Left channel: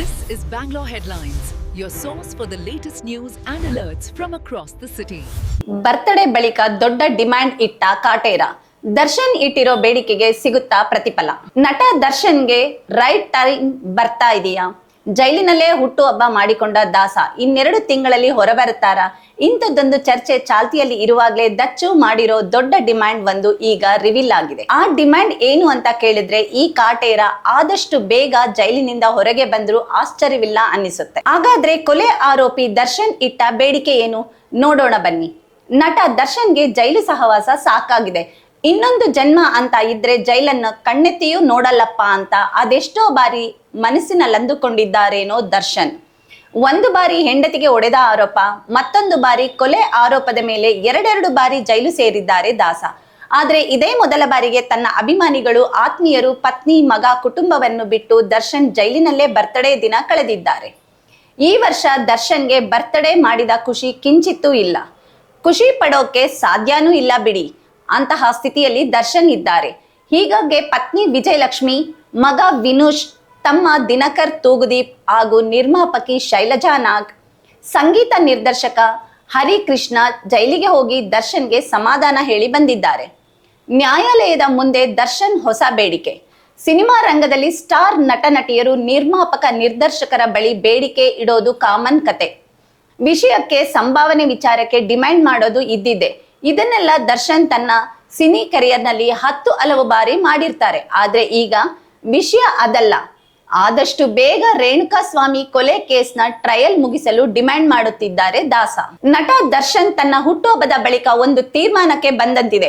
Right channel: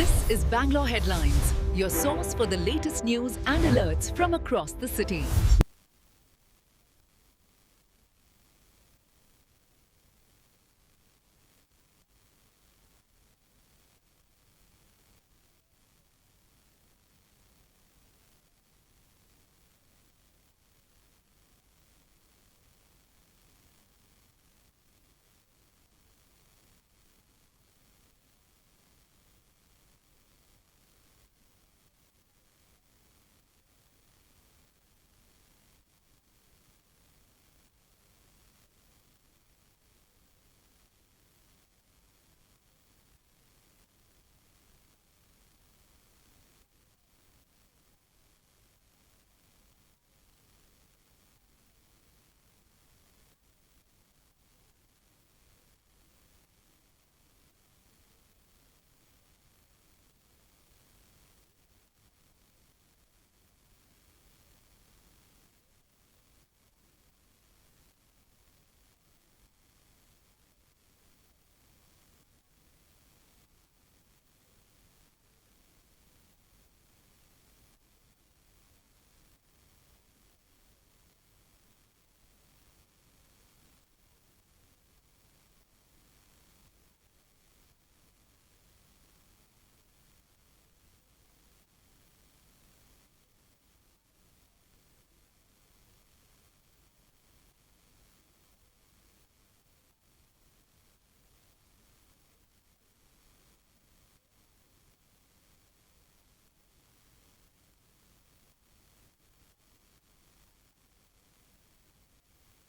This is Bangalore Headlines, your source for the latest news and alerts from across the city. Birthday ಬಳಿಕ ದೊಡ್ಡ demand ಇಟ್ಟ ಕಾಟೇರ. ದರ್ಶನ್ ಇಟ್ಟಿರೋ ಬೇಡಿಕೆಗೆ ಸಿಗುತ್ತಾ ಪ್ರತಿಫಲ? ನಟ ದರ್ಶನ್ಗೆ ರೈಟ್ ಟೈಮ್ ಬರ್ತಾ ಇದೆಯಾ? ಜೈಲಿನಲ್ಲೇ ಹುಟ್ಟುಹಬ್ಬ ಮಾಡಿಕೊಂಡ ದಾಸ 2 ತಿಂಗಳಲ್ಲಿ ಹೊರಬರುತ್ತಾರಾ? ಇಂಥದ್ದೊಂದು ಚರ್ಚೆ ಚಾಲ್ತಿಯಲ್ಲಿ ಇರುವಾಗಲೇ ದಚ್ಚು ಮಾಡಿರೋ ದೊಡ್ಡ ಡಿಮ್ಯಾಂಡ್ ಒಂದು ಈಗ ರಿವೀಲ್ ಆಗಿದೆ. ಆ ಡಿಮ್ಯಾಂಡ್ ಏನು ಅಂತ ಕೇಳಿದ್ರೆ ಈ ಕಾಟೇರ ಆದಷ್ಟು ಬೇಗ ಜೈಲಿನಿಂದ ಹೊರಗೆ ಬಂದ್ರು ಆಶ್ಚರ್ಯವಿಲ್ಲ ಅನ್ನಿಸುತ್ತೆ. ಹಾಗಾದ್ರೆ ಕೊಲೆ ಆರೋಪಿ ದರ್ಶನ್ ಇಟ್ಟ ಬೇಡಿಕೆ ಏನು ನೋಡೋಣ ಬನ್ನಿ. ನಟ ದರ್ಶನ್ಗೆ ಜೈಲು ಸಹವಾಸ ಸಾಕಾಗಿದೆ, ಇನ್ನೊಂದು ಜನ್ಮ ಅಂತ ಇದ್ರೆ ಜೈಲನ್ನ ಕಣ್ಣೆತ್ತಿಯೂ ನೋಡಲ್ಲಪ್ಪ ಅಂತ ಅದೆಷ್ಟೋ ಬಾರಿ ಮನಸ್ಸಿನಲ್ಲಂದುಕೊಂಡಿದ್ದಾರೇನೋ ದರ್ಶನ್. ಒಂದು ಬಾರಿ ಹೆಂಡತಿಗೆ ಹೊಡೆದ ಆರೋಪ, ಮತ್ತೊಂದು ಬಾರಿ ಕೊಲೆ ಆರೋಪದ ಮೇಲೆ 2 ಬಾರಿ ಜೈಲು ಸೇರಿದ್ದಾರೆ ದಾಸ. ಆದ್ರೆ ಇದೇ ಮೊದಲ ಬಾರಿಗೆ ತನ್ನ ಅಭಿಮಾನಿಗಳು, ಆತ್ಮೀಯರು, ಪತ್ನಿ, ಮಗ, ಕುಟುಂಬವನ್ನು ಬಿಟ್ಟು ದರ್ಶನ್ ಜೈಲಿನಲ್ಲೇ ಬರ್ತ್ಡೇ ದಿನ ಕಳೆದಿದ್ದಾರೆ. ಈ ವರ್ಷ ದರ್ಶನ್ಗೆ ಬರ್ತ್ಡೇ ಮಾಡಿದ ಖುಷಿ ಕಿಂಚಿತ್ತೂ ಇಲ್ಲ. ಖುಷಿ ಪಡೋಕೆ ಸಾಧ್ಯನೂ ಇಲ್ಲ ಬಿಡಿ, ಅಂತಹ ಸ್ಥಿತಿಯಲ್ಲಿ ದರ್ಶನ್ ಇದ್ದಾರೆ. ಹೀಗಾಗಿ ಪತ್ನಿ ವಿಜಯಲಕ್ಷ್ಮಿ, ಮಗ ವಿನುಷ್, ತಮ್ಮ ದಿನಕರ್ ತೂಗುದೀಪ್ ಹಾಗೂ ನಿರ್ಮಾಪಕಿ ಶೈಲಜಾ ನಾಗ್, ಸಂಗೀತ ನಿರ್ದೇಶಕ ಹರಿಕೃಷ್ಣ ಜೈಲಿಗೆ ಹೋಗಿ ದರ್ಶನ್ಗೆ ಸಮಾಧಾನ ಹೇಳಿ ಬಂದಿದ್ದಾರೆ. ನ್ಯಾಯಾಲಯದ ಮುಂದೆ ದರ್ಶನ್ ಹೊಸ ಬೇಡಿಕೆ. ಸಿನಿಮಾ ರಂಗದಲ್ಲಿ ಸ್ಟಾರ್ ನಟ ನಟಿಯರು ನಿರ್ಮಾಪಕ ನಿರ್ದೇಶಕರ ಬಳಿ ಬೇಡಿಕೆ ಇಡೋದು ಕಾಮನ್ ಕತೆ. ವಿಷಯಕ್ಕೆ ಸಂಭಾವನೆ ವಿಚಾರಕ್ಕೆ ಡಿಮ್ಯಾಂಡ್ ಮಾಡೋದು ಇದ್ದಿದೆ. ಇದನ್ನೆಲ್ಲ ದರ್ಶನ್ ತನ್ನ ಸಿನಿ ಕರಿಯರ್ನಲ್ಲಿ 10 ಹಲವು ಬಾರಿ ಮಾಡಿರ್ತಾರೆ. ಆದ್ರೆ ಈಗ ವಿಷಯ ಅದಲ್ಲ. ಆದಷ್ಟು ಬೇಗ ರೇಣುಕಾಸ್ವಾಮಿ ಕೊಲೆ ಕೇಸ್ನ ಟ್ರಯಲ್ ಮುಗಿಸಲು ಡಿಮ್ಯಾಂಡ್ ಮಾಡುತ್ತಿದ್ದಾರೆ ದಾಸ. ನಟ ದರ್ಶನ್ ತನ್ನ ಹುಟ್ಟುಹಬ್ಬದ ಬಳಿಕ ಒಂದು ತೀರ್ಮಾನಕ್ಕೆ ಬಂದಂತಿದೆ.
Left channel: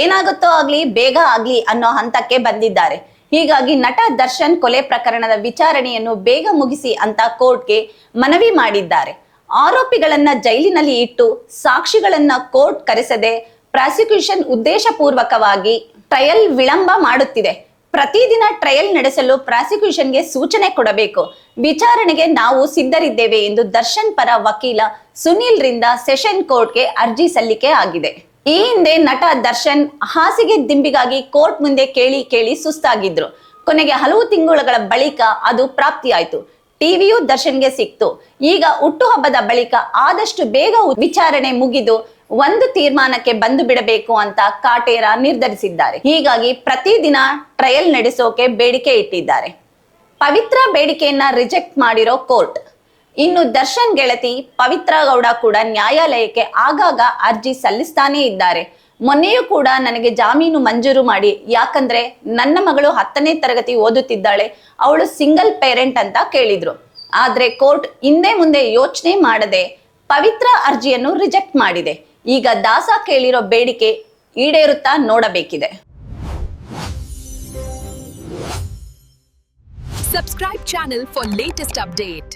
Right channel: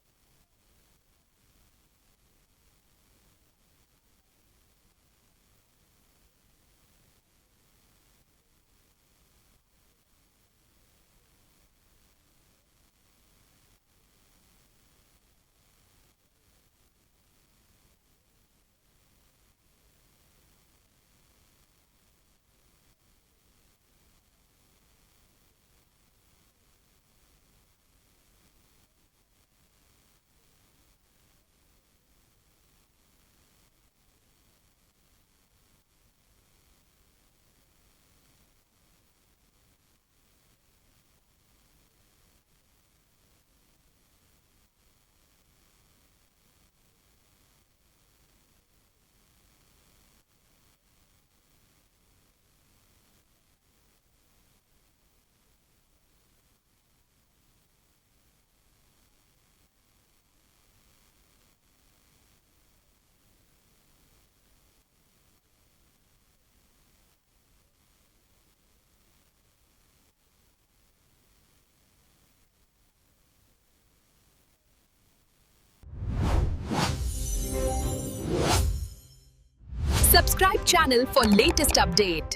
ಏನಾಗುತ್ತೋ ಆಗ್ಲಿ, ಬೇಗ ಆಗ್ಲಿ ಅನ್ನೋ ಹಂತಕ್ಕೆ ಬಂದಿದ್ದಾರೆ. ಹೀಗಾಗಿ ನಟ ದರ್ಶನ್ ಕೊಲೆ ಪ್ರಕರಣದ ವಿಚಾರಣೆಯನ್ನು ಬೇಗ ಮುಗಿಸಿ ಅಂತ ಕೋರ್ಟ್ಗೆ ಮನವಿ ಮಾಡಿದ್ದಾರೆ. ಆರೋಪಿಗಳನ್ನ ಜೈಲಿನಲ್ಲಿ ಇಟ್ಟು ಸಾಕ್ಷಿಗಳನ್ನ ಕೋರ್ಟ್ ಕರೆಸದೆ ಪ್ರಾಸಿಕ್ಯೂಷನ್ ಉದ್ದೇಶಪೂರ್ವಕವಾಗಿ ಟ್ರಯಲ್ ವಿಳಂಬ ಮಾಡುತ್ತಿದೆ. ಪ್ರತಿದಿನ ಟ್ರಯಲ್ ನಡೆಸಲು ಪ್ರಾಸಿಕ್ಯೂಷನ್ಗೆ ಸೂಚನೆ ಕೊಡಬೇಕು. ವಿಚಾರಣೆಗೆ ನಾವು ಸಿದ್ಧರಿದ್ದೇವೆ ಎಂದು ದರ್ಶನ್ ಪರ ವಕೀಲ ಸುನೀಲ್ ರಿಂದ ಸೆಷನ್ ಕೋರ್ಟ್ಗೆ ಅರ್ಜಿ ಸಲ್ಲಿಕೆ ಆಗಿದೆ. ಈ ಹಿಂದೆ ನಟ ದರ್ಶನ್ ಹಾಸಿಗೆ ದಿಂಬಿಗಾಗಿ ಕೋರ್ಟ್ ಮುಂದೆ ಕೇಳಿ ಸುಸ್ತಾಗಿದ್ರು. ಕೊನೆಗೆ ಹಲವು ತಿಂಗಳುಗಳ ಬಳಿಕ ಅದು ಪ್ರಾಪ್ತಿಯಾಯಿತು. ಟಿವಿಯು ದರ್ಶನ್ಗೆ ಸಿಕ್ತು. ಈಗ ಹುಟ್ಟುಹಬ್ಬದ ಬಳಿಕ ಆದಷ್ಟು ಬೇಗ ವಿಚಾರಣೆ ಮುಗಿದು ಒಂದು ತೀರ್ಮಾನಕ್ಕೆ ಬಂದು ಬಿಡಬೇಕು ಅಂತ ಕಾಟೇರ ನಿರ್ಧರಿಸಿದ್ದಾರೆ. ಹೀಗಾಗಿ ಪ್ರತಿದಿನ ಟ್ರಯಲ್ ನಡೆಸೋಕೆ ಬೇಡಿಕೆ ಇಟ್ಟಿದ್ದಾರೆ. ಪವಿತ್ರ ಬೇಡಿಕೆಯನ್ನ ರಿಜೆಕ್ಟ್ ಮಾಡಿರೋ ಕೋರ್ಟ್. ಇನ್ನು ದರ್ಶನ್ ಗೆಳತಿ ಪವಿತ್ರ ಗೌಡ ಕೂಡ ನ್ಯಾಯಾಲಯಕ್ಕೆ ಆಗಾಗ ಅರ್ಜಿ ಸಲ್ಲಿಸ್ತಾನೇ ಇದ್ದಾರೆ. ಮೊನ್ನೆಯೂ ಕೂಡ ನನಗೆ ಜಾಮೀನು ಮಂಜೂರು ಮಾಡಿ, ಯಾಕಂದ್ರೆ ನನ್ನ ಮಗಳು 10ನೇ ತರಗತಿ ಓದುತ್ತಿದ್ದಾಳೆ, ಅವಳು ಸಿಂಗಲ್ ಪೇರೆಂಟ್ ಅಂತ ಕೇಳಿದ್ರು. ಆದ್ರೆ ಕೋರ್ಟ್ ಹಿಂದೆ ಮುಂದೆ ಯೋಚನೆ ಮಾಡದೆ ಪವಿತ್ರ ಅರ್ಜಿಯನ್ನು ರಿಜೆಕ್ಟ್ ಮಾಡಿದೆ. ಈಗ ದಾಸ ಕೇಳಿರೋ ಬೇಡಿಕೆ ಈಡೇರುತ್ತಾ ನೋಡಬೇಕಿದೆ. Subscribe channel for latest update.